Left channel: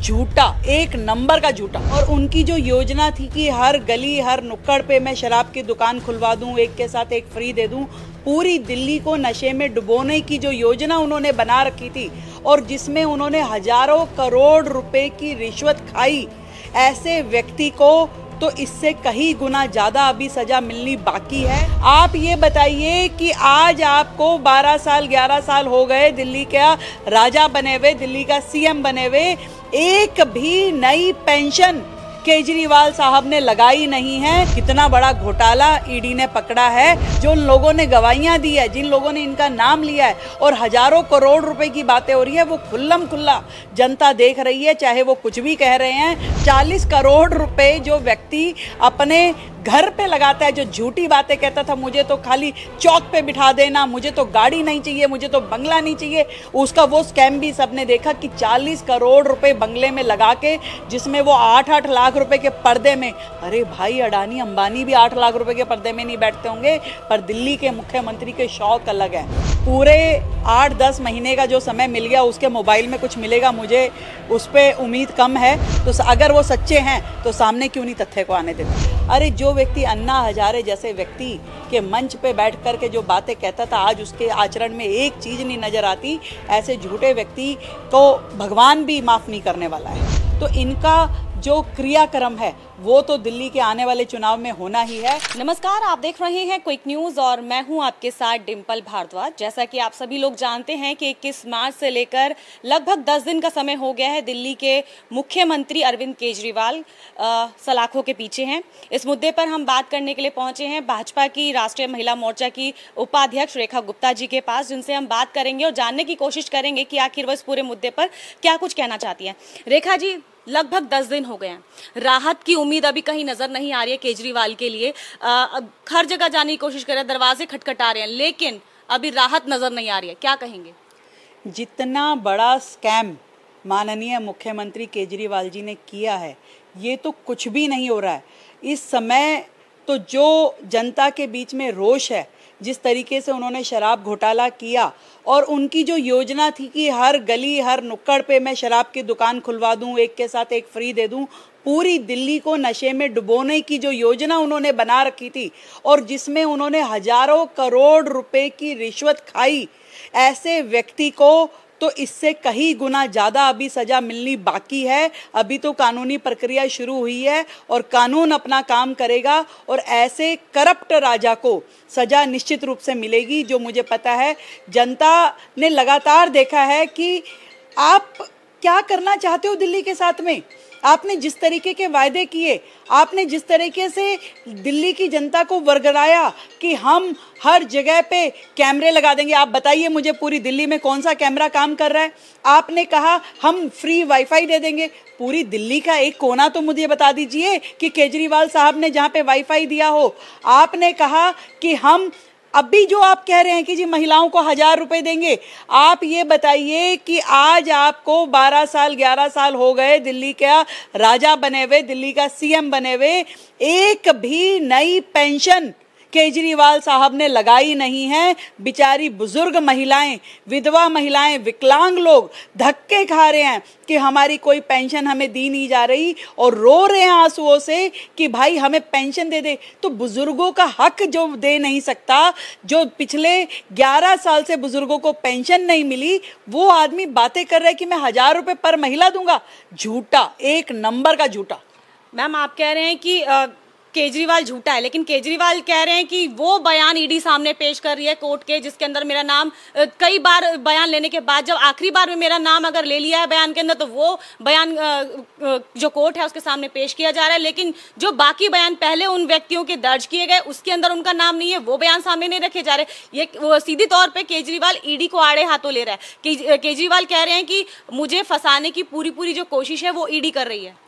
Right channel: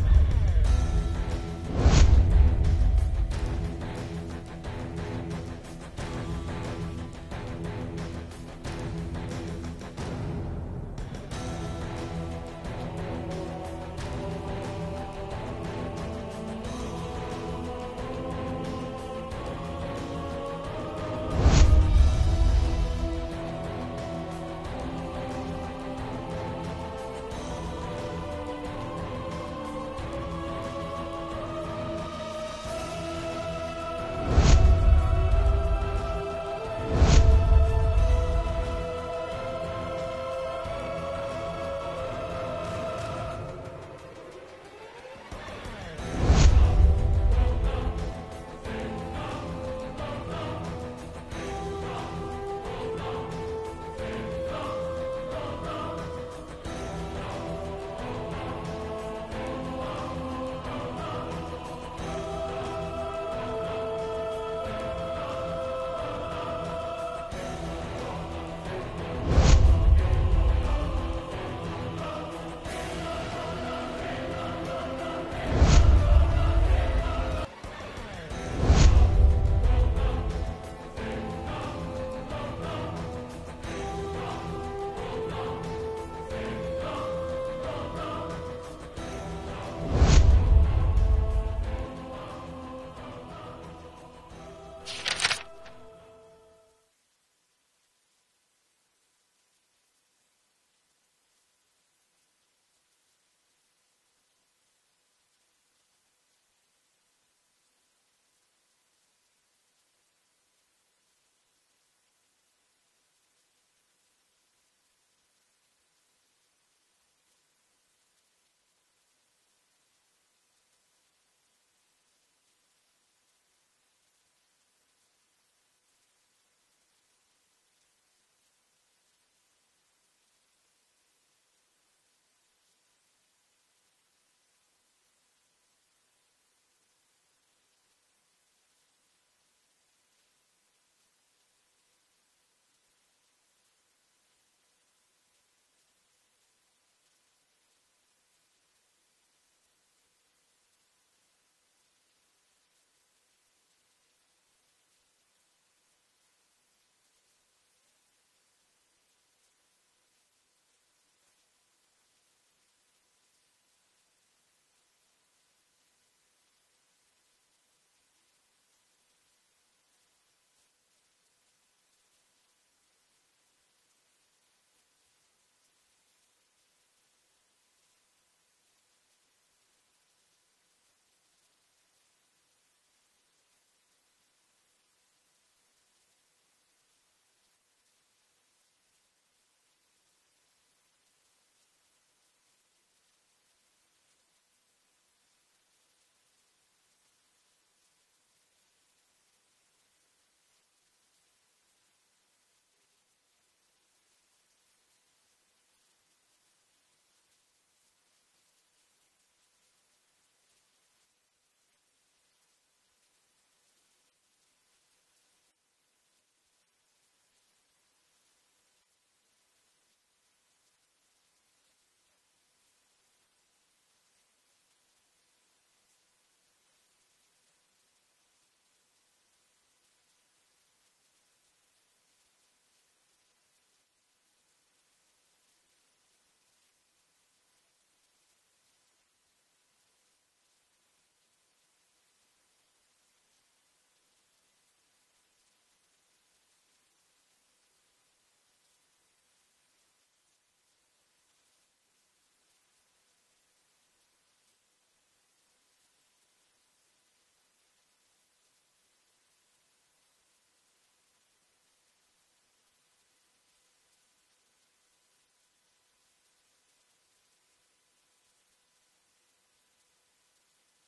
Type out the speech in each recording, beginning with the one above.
झूठा, एक नंबर का झूठा। और उनकी जो योजना थी कि हर गली हर नुक्कड़ पे मैं शराब की दुकान खुलवा दूं, एक के साथ एक फ्री दे दूं, पूरी दिल्ली को नशे में डुबोने की जो योजना उन्होंने बना रखी थी और जिसमें उन्होंने हजारों करोड़ रुपए की रिश्वत खाई, ऐसे व्यक्ति को तो इससे कहीं गुना ज्यादा अभी सजा मिलनी बाकी है। आप ये बताइए कि आज आपको 12 साल 11 साल हो गए दिल्ली का राजा बने हुए, दिल्ली का सीएम बने हुए, एक भी नई पेंशन केजरीवाल साहब ने लगाई नहीं है। कितना बड़ा घोटाला ईडी ने पकड़ा है। जो लोगों ने गवाहियां दी है, जिन लोगों ने इनका नाम लिया है और हजारों करोड़ रुपए की बातें हो रही है, वो खुल्लम खुल्ला जनता देख रही है, चाहे वो कुछ भी कह रहे हैं। 40 करोड़ रुपए जो व्यक्ति अपने घर पे लगाता है, जो झूठी बातें कहता था, मुझे तो खाली चौक पे बिठा देना, मुझे तो गाड़ी नहीं चाहिए, मुझे तो बंगला नहीं चाहिए, उसका वो स्कैम भी सबने देखा कि 40 करोड़ रुपए बंगले में लगा के, जिसमें वो 8-8 लाख रुपए के पर्दे में, अरे भाई अडानी अंबानी भी 8 लाख रुपए के पर्दे में नहीं बैठते होंगे, पर दिल्ली के मुख्यमंत्री के शौक अलग है। पूरे 8-10 महीने का जो समय मिल गया, उसके मोबाइल में कुछ मिलेगा, मुझे उस पर उम्मीद कम है। तो अगर वो सच्चे हैं तो सामने क्यों नहीं तथ्य को आने देते। अरे जो व्यक्ति अन्ना हजारे जैसे व्यक्ति के मंच पे बैठ कर के जो बातें कहता था, आज उसके आचरण में एक चीज नहीं नजर आती, ऐसे झूठे व्यक्ति को भगवान भी माफ नहीं करने वाला है। तो इनका जो क्रियाक्रम है वो तो दिल्ली के आने वाले चुनाव में होना ही है। नमस्कार, आप देख रहे हैं क्विक न्यूज और मैं हूं आपके साथ डिम्पल भारद्वाज। जैसा कि आप सभी लोग जानते हैं कि 21 मार्च से लेकर लगभग 10 दिन का समय हो गया है, दिल्ली के मुख्यमंत्री अरविंद केजरीवाल सलाखों के पीछे हैं। इस मुद्दे पर हम बात करने के लिए पहुंचे हैं भाजपा की राष्ट्रीय महिला मोर्चा की उपाध्यक्ष रेखा गुप्ता जी के पास, जिनसे हम बात करेंगे और जानने की कोशिश करेंगे कि आखिर वह इस पूरे मुद्दे पर क्या कुछ कहना चाहती हैं। रेखा जी, लगभग 10 दिन हो गए हैं, राहत की उम्मीद अभी कहीं नजर नहीं आ रही है केजरीवाल के लिए। हर जगह जाने की कोशिश कर रहे हैं, दरवाजे खटखटा रहे हैं, लेकिन अभी राहत नजर नहीं आ रही है। क्या कहेंगे? जितना बड़ा स्कैम माननीय मुख्यमंत्री केजरीवाल जी ने किया है, ये तो कुछ भी नहीं हो रहा है इस समय। तो जो जनता के बीच में रोष है, जिस तरीके से उन्होंने शराब घोटाला किया और उनकी जो योजना थी कि हर गली हर नुक्कड़ पे मैं शराब की दुकान खुलवा दूं, एक के साथ एक फ्री दे दूं, पूरी दिल्ली को नशे में डुबोने की जो योजना उन्होंने बना रखी थी और जिसमें उन्होंने हजारों करोड़ रुपए की रिश्वत खाई, ऐसे व्यक्ति को तो इससे कहीं गुना ज्यादा अभी सजा मिलनी बाकी है। अभी तो कानूनी प्रक्रिया शुरू हुई है और कानून अपना काम करेगा और ऐसे करप्ट राजा को सजा निश्चित रूप से मिलेगी। जो मुझे पता है, जनता ने लगातार देखा है कि आप क्या करना चाहते हो दिल्ली के साथ में। आपने जिस तरीके के वायदे किए, आपने जिस तरीके से दिल्ली की जनता को वर्गलाया कि हम हर जगह पे कैमरे लगा देंगे। आप बताइए मुझे पूरी दिल्ली में कौन सा कैमरा काम कर रहा है। आपने कहा हम फ्री वाईफाई दे देंगे। पूरी दिल्ली का एक कोना तो मुझे बता दीजिए कि केजरीवाल साहब ने जहाँ पे वाईफाई दिया हो। आपने कहा कि हम अभी जो आप कह रहे हैं कि जी महिलाओं को 1000 रुपए देंगे, आप ये बताइए कि आज आपको 12 साल 11 साल हो गए दिल्ली का राजा बने हुए, दिल्ली का सीएम बने हुए, एक भी नई पेंशन केजरीवाल साहब ने लगाई नहीं है। बेचारी बुजुर्ग महिलाएं, विधवा महिलाएं, विकलांग लोग धक्के खा रहे हैं कि हमारी कोई पेंशन हमें दी नहीं जा रही और रो रहे हैं आंसुओं से कि भाई हमें पेंशन दे दे। तो बुजुर्गों का हक जो दे नहीं सकता, जो पिछले 11 साल से बुजुर्गों को पेंशन नहीं मिली, वो आदमी बातें कर रहा है कि मैं 1000 रुपए पर महिला दूंगा। झूठा, एक नंबर का झूठा। मैम, आप कह रहे हैं कि केजरीवाल झूठा है, लेकिन केजरीवाल कह रहे हैं कि वो बयान ईडी सामने पेश कर रही है कोर्ट के, जिसके अंदर मेरा नाम कई बार बयान लेने के बाद जब आखिरी बार में मेरा नाम अगर ले लिया है बयान के अंदर, तो वो बयान जो कोर्ट है उसके सामने पेश किया जा रहा है। लेकिन जो बाकी बयान पहले उन व्यक्तियों के दर्ज किए गए उसके अंदर उनका नाम नहीं है, वो बयान सामने नहीं रखे जा रहे। ये सीधी तौर पर केजरीवाल ईडी को आड़े हाथों ले रहा है। केजरीवाल कह रहे हैं कि मुझे फंसाने की पूरी जो कोशिश है वो ईडी कर रही है।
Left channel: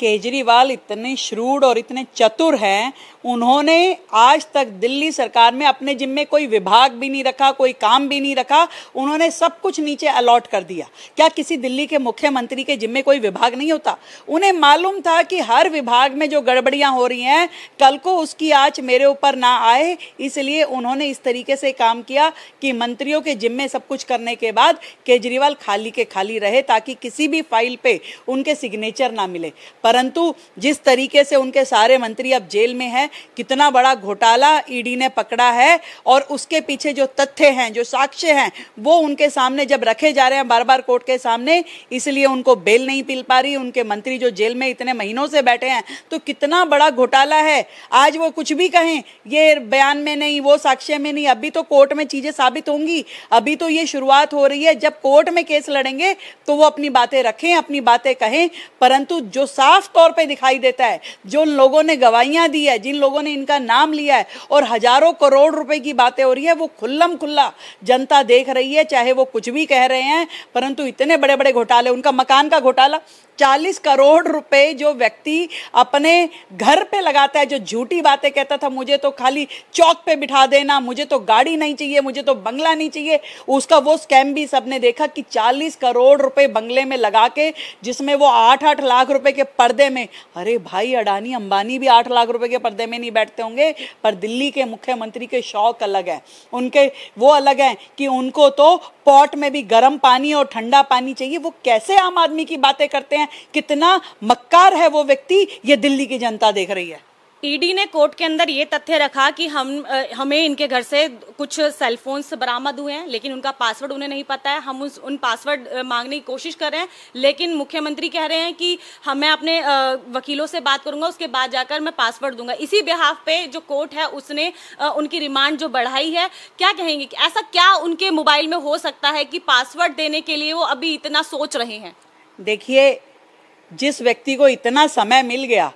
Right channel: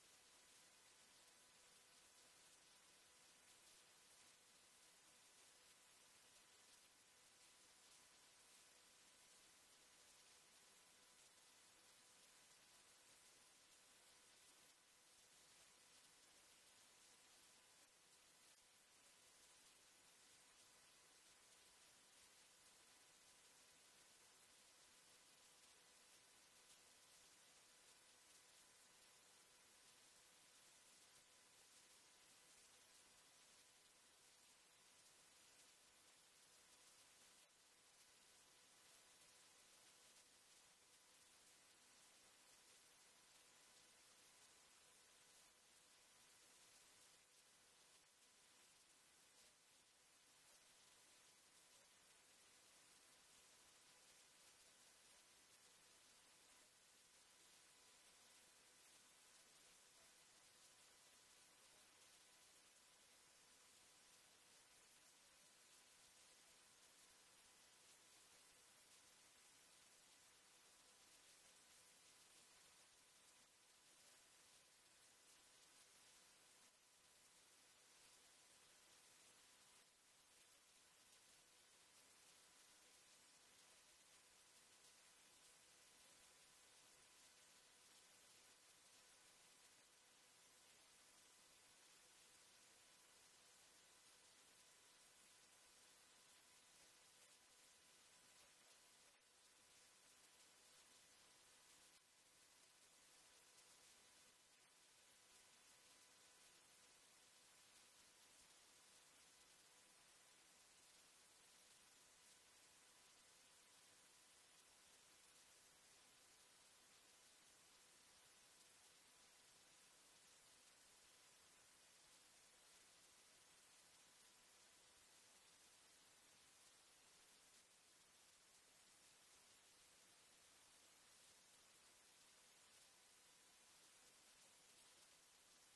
केजरीवाल इतने श्रूड और इतने चतुर हैं, उन्होंने आज तक दिल्ली सरकार में अपने जिम्मे कोई विभाग भी नहीं रखा, कोई काम भी नहीं रखा, उन्होंने सब कुछ नीचे अलॉट कर दिया। क्या किसी दिल्ली के मुख्यमंत्री के जिम्मे कोई विभाग नहीं होता? उन्हें मालूम था कि हर विभाग में जो गड़बड़ियां हो रही हैं कल को उसकी आंच मेरे ऊपर ना आए, इसलिए उन्होंने इस तरीके से काम किया कि मंत्रियों के जिम्मे सब कुछ करने के बाद केजरीवाल खाली के खाली रहे, ताकि किसी भी फाइल पे उनके सिग्नेचर ना मिले। परंतु जिस तरीके से उनके सारे मंत्री अब जेल में हैं, कितना बड़ा घोटाला ईडी ने पकड़ा है और उसके पीछे जो तथ्य हैं, जो साक्ष्य हैं, वो उनके सामने जब रखे जा रहे हैं बार बार कोर्ट के सामने, इसलिए उनको बेल नहीं मिल पा रही। उनके मंत्री जो जेल में इतने महीनों से बैठे हैं, तो कितना बड़ा घोटाला है। आज वो कुछ भी कहें, ये बयान में नहीं, वो साक्ष्य में नहीं, अभी तो कोर्ट में चीजें साबित होंगी। अभी तो ये शुरुआत हो रही है, जब कोर्ट में केस लड़ेंगे तो वो अपनी बातें रखें, अपनी बातें कहें। परंतु जो साफ तौर पे दिखाई देता है, जो लोगों ने गवाहियां दी है, जिन लोगों ने इनका नाम लिया है और हजारों करोड़ रुपए की बातें हो रही है, वो खुल्लम खुल्ला जनता देख रही है। चाहे वो कुछ भी कह रहे हैं, परंतु इतने बड़े बड़े घोटाले, उनका मकान का घोटाला, 40 करोड़ रुपए जो व्यक्ति अपने घर पे लगाता है, जो झूठी बातें कहता था, मुझे तो खाली चौक पे बिठा देना, मुझे तो गाड़ी नहीं चाहिए, मुझे तो बंगला नहीं चाहिए, उसका वो स्कैम भी सबने देखा कि 40 करोड़ रुपए बंगले में लगा के, जिसमें वो 8-8 लाख रुपए के पर्दे में, अरे भाई अडानी अंबानी भी 8 लाख रुपए के पर्दे में नहीं बैठते होंगे, पर दिल्ली के मुख्यमंत्री के शौक अलग है, उनके वो अलग है कि उनको तो पॉट में भी गर्म पानी और ठंडा पानी चाहिए। वो कैसे आम आदमी की बातें करते हैं, कितना मक्कार है वो व्यक्ति, ये दिल्ली की जनता देख रही है। ईडी ने कोर्ट के अंदर ये तथ्य रखा कि हमें इनके घर से कुछ सेलफोन्स बरामद हुए हैं, लेकिन उनका पासवर्ड उन्हें नहीं पता है। हम उन पासवर्ड मांगने की कोशिश कर रहे हैं, लेकिन मुख्यमंत्री कह रहे हैं कि मैं अपने वकीलों से बात करूंगा, उसके बाद जाकर मैं पासवर्ड दूंगा। इसी बिहाफ पे जो कोर्ट है उसने उनकी रिमांड जो बढ़ाई है। क्या कहेंगे कि ऐसा क्या उनके मोबाइल में हो सकता है कि पासवर्ड देने के लिए वो अभी इतना सोच रहे हैं? देखिए, जिस व्यक्ति को इतना समय मिल गया,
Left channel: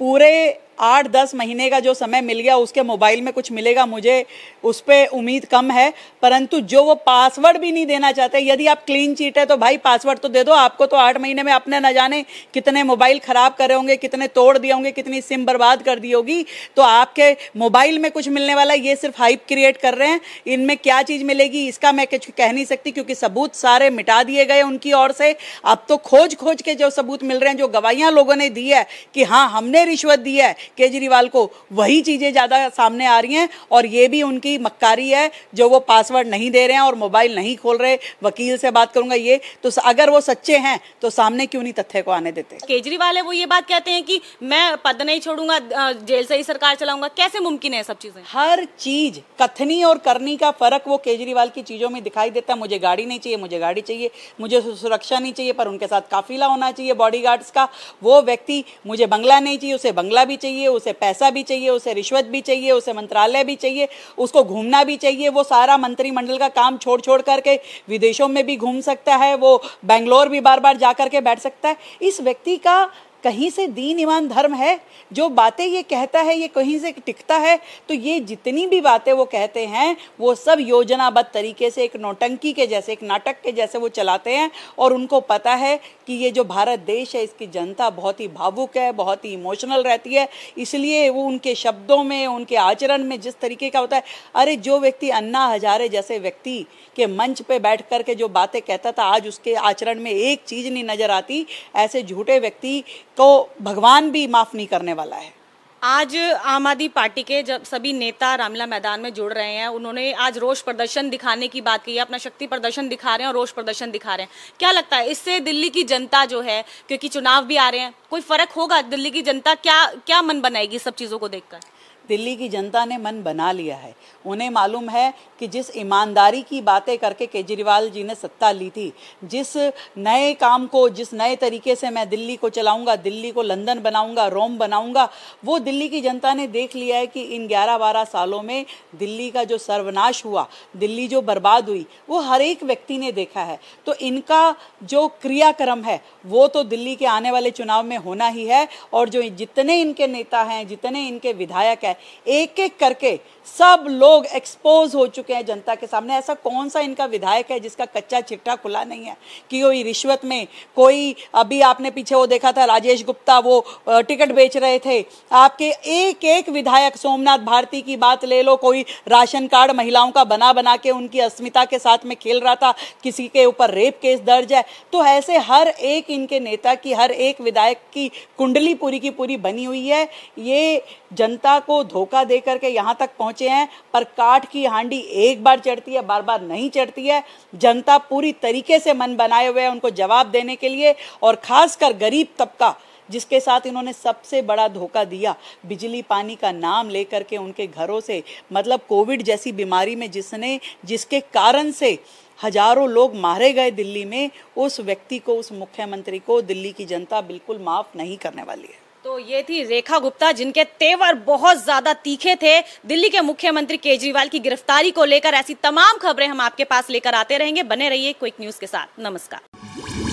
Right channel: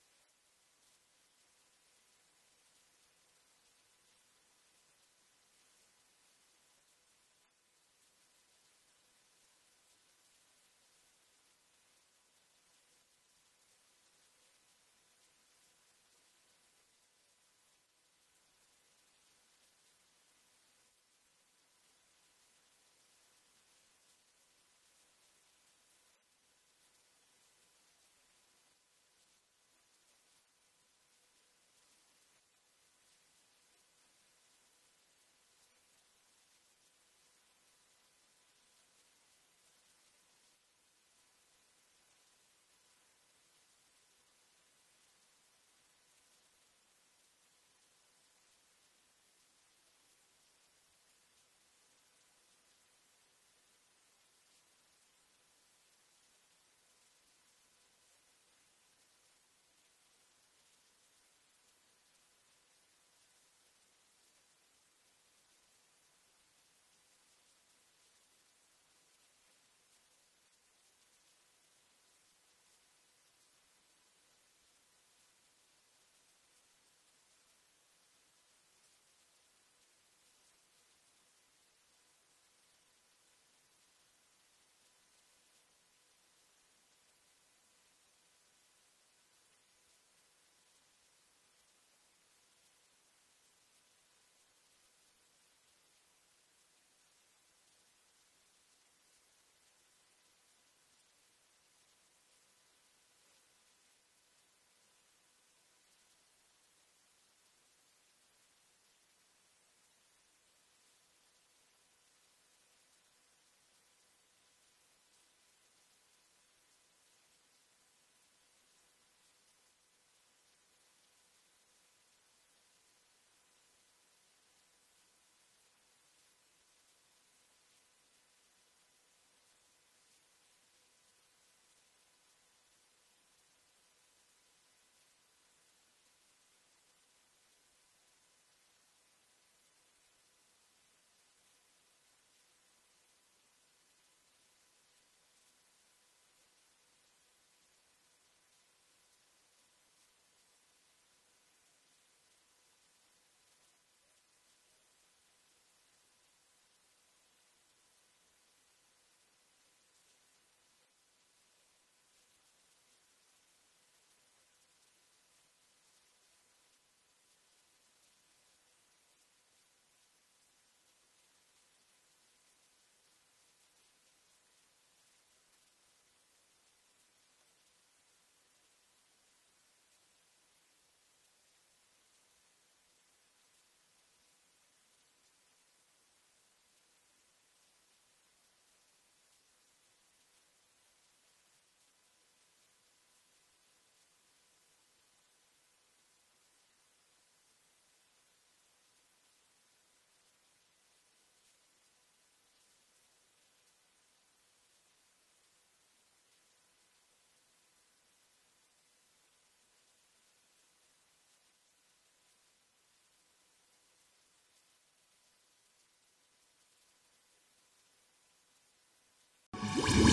पूरे 8-10 महीने का जो समय मिल गया, उसके मोबाइल में कुछ मिलेगा, मुझे उस पर उम्मीद कम है। परंतु जो वो पासवर्ड भी नहीं देना चाहते, यदि आप क्लीन चीट है तो भाई पासवर्ड तो दे दो। आपको तो 8 महीने में अपने न जाने कितने मोबाइल खराब करे होंगे, कितने तोड़ दिए होंगे, कितनी सिम बर्बाद कर दी होगी, तो आपके मोबाइल में कुछ मिलने वाला, ये सिर्फ हाइप क्रिएट कर रहे हैं। इनमें क्या चीज मिलेगी इसका मैं कुछ कह नहीं सकती, क्योंकि सबूत सारे मिटा दिए गए उनकी ओर से। अब तो खोज खोज के जो सबूत मिल रहे हैं, जो गवाहियां लोगों ने दी है कि हाँ हमने रिश्वत दी है केजरीवाल को, वही चीजें ज्यादा सामने आ रही हैं। और ये भी उनकी मक्कारी है जो वो पासवर्ड नहीं दे रहे हैं और मोबाइल नहीं खोल रहे। वकील से बात करूंगा, ये तो अगर वो सच्चे हैं तो सामने क्यों नहीं तथ्य को आने देते? केजरीवाल है वो ये बात कहते हैं कि मैं पद नहीं छोड़ूंगा, जेल से ही सरकार चलाऊंगा। कैसे मुमकिन है सब चीजें? हर चीज, कथनी और करनी का फर्क वो केजरीवाल की चीजों में दिखाई देता है। मुझे गाड़ी नहीं चाहिए, मुझे गाड़ी चाहिए, मुझे सुरक्षा नहीं चाहिए, पर उनके साथ काफिला होना चाहिए बॉडीगार्ड्स का। वो व्यक्ति, मुझे बंगला नहीं चाहिए, उसे बंगला भी चाहिए, उसे पैसा भी चाहिए, उसे रिश्वत भी चाहिए, उसे मंत्रालय भी चाहिए, उसको घूमना भी चाहिए। वो सारा मंत्रिमंडल का काम छोड़ छोड़ करके विदेशों में भी घूम सकता है, वो बेंगलोर भी बार बार जा करके बैठ सकता है। इस व्यक्ति का कहीं से दीन ईमान धर्म है? जो बातें ये कहता है ये कहीं से टिकता है? तो ये जितनी भी बातें वो कहते हैं वो सब योजनाबद्ध तरीके से एक नौटंकी के जैसे, एक नाटक के जैसे वो चलाते हैं। और उनको पता है कि ये जो भारत देश है इसकी जनता बहुत ही भावुक है, बहुत ही इमोशनल रहती है, इसलिए वो उनके शब्दों में, उनके आचरण में जिस तरीके का होता है। अरे जो व्यक्ति अन्ना हजारे जैसे व्यक्ति के मंच पे बैठ करके जो बातें कहता था, आज उसके आचरण में एक चीज नहीं नजर आती। ऐसे झूठे व्यक्ति को भगवान भी माफ नहीं करने वाला है। आज आम आदमी पार्टी के जब सभी नेता रामलीला मैदान में जुड़ रहे हैं, उन्होंने आज रोष प्रदर्शन दिखाने की बात की है, अपना शक्ति प्रदर्शन दिखा रहे हैं और रोष प्रदर्शन दिखा रहे हैं। क्या लगता है इससे दिल्ली की जनता जो है, क्योंकि चुनाव भी आ रहे हैं, कोई फर्क होगा? दिल्ली की जनता क्या मन बनाएगी सब चीजों को देखकर? दिल्ली की जनता ने मन बना लिया है। उन्हें मालूम है कि जिस ईमानदारी की बातें करके केजरीवाल जी ने सत्ता ली थी, जिस नए काम को, जिस नए तरीके से मैं दिल्ली को चलाऊंगा, दिल्ली को लंदन बनाऊंगा, रोम बनाऊंगा, वो दिल्ली की जनता ने देख लिया है कि इन 11-12 सालों में दिल्ली का जो सर्वनाश हुआ, दिल्ली जो बर्बाद हुई, वो हर एक व्यक्ति ने देखा है। तो इनका जो क्रियाक्रम है वो तो दिल्ली के आने वाले चुनाव में होना ही है। और जो जितने इनके नेता हैं, जितने इनके विधायक हैं, एक एक करके सब लोग एक्सपोज हो चुके हैं जनता के सामने। ऐसा कौन सा इनका विधायक है जिसका कच्चा चिट्ठा खुला नहीं है कि कोई रिश्वत में, कोई अभी आपने पीछे वो देखा था राजेश गुप्ता, वो टिकट बेच रहे थे। आपके एक एक विधायक, सोमनाथ भारती की बात ले लो, कोई राशन कार्ड महिलाओं का बना बना के उनकी अस्मिता के साथ में खेल रहा था, किसी के ऊपर रेप केस दर्ज है। तो ऐसे हर एक इनके नेता की, हर एक विधायक की कुंडली पूरी की पूरी बनी हुई है। ये जनता को धोखा दे करके यहाँ तक पहुंचे हैं, पर काठ की हांडी एक बार चढ़ती है, बार बार नहीं चढ़ती है। जनता पूरी तरीके से मन बनाए हुए है उनको जवाब देने के लिए, और खासकर गरीब तबका जिसके साथ इन्होंने सबसे बड़ा धोखा दिया, बिजली पानी का नाम लेकर के उनके घरों से, मतलब कोविड जैसी बीमारी में जिसके कारण से हजारों लोग मारे गए दिल्ली में, उस व्यक्ति को, उस मुख्यमंत्री को दिल्ली की जनता बिल्कुल माफ नहीं करने वाली है। तो ये थी रेखा गुप्ता, जिनके तेवर बहुत ज्यादा तीखे थे। दिल्ली के मुख्यमंत्री केजरीवाल की गिरफ्तारी को लेकर ऐसी तमाम खबरें हम आपके पास लेकर आते रहेंगे। बने रहिए क्विक न्यूज के साथ। नमस्कार।